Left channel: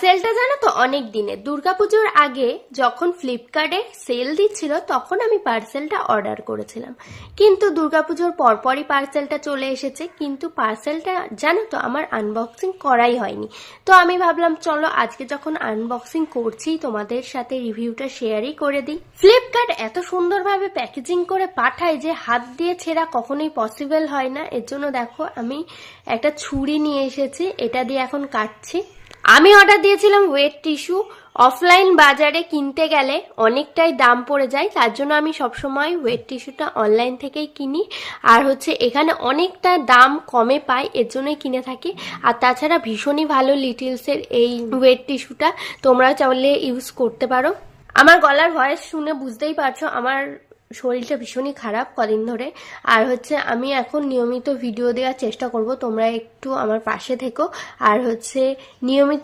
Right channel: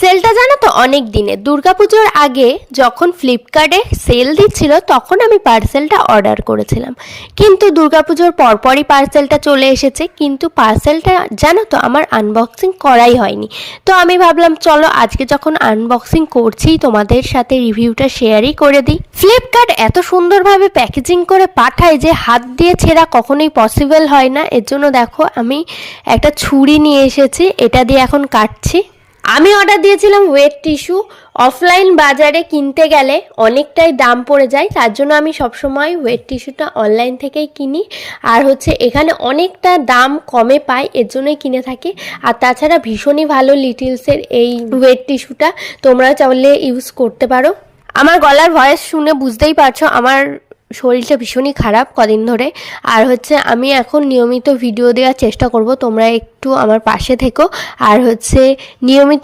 সেলটা জানো তো অনেক দিনের, দুর্গাপুজোর আগে যখন ফ্লিপকার্টে সেল দিচ্ছিল তখন আমি পার্সেলটা অর্ডার করেছিলাম, কিন্তু দুর্গাপুজোর পরপরই পার্সেলটা চলে এসেছে, কিন্তু পার্সেলটা জানো তো আমার আনবক্সিং করাই হয়নি। তো আমি ভাবলাম চলো আজকে যখন আনবক্সিং করছি তোমাদের সাথে রিভিউটা শেয়ারই করে দিই। ফ্লিপকার্ট এত সুন্দরভাবে প্যাকেজিং করে পাঠায় যে হাত দিয়ে ছেঁড়া কখনোই পসিবল হয় না। এর জন্য দেখো আমি একটা ছুরি নিয়ে এসেছি, এটা দিয়ে এখন কাটছি। আমি অর্ডার দিয়েছিলাম ওয়েট টিস্যু। অফলাইন বাজারে কিনতে গেলে অনেকটাই দাম পড়ে যায়, তার জন্য আমি সবসময় ওয়েট টিস্যুটা অনলাইন থেকেই কিনি। আর এখানে অনেকটা দাম কমে পাই, এর জন্যই কিনে থাকি। আর তাছাড়া ভীষণই ভালো লিটিলসের এই ওয়েট টিস্যুটা, তোমরা চাইলে ইউজ করতে পারো। আমার গলার ভয়েস শুনে বুঝতেই পারছো আমার শরীরটা ভীষণই খারাপ কদিন ধরে। আর আমি এখন নিয়মিত ভিডিও দেওয়ার চেষ্টা করব, তোমরা একটু আমার পাশে থেকো। আর নিয়মিত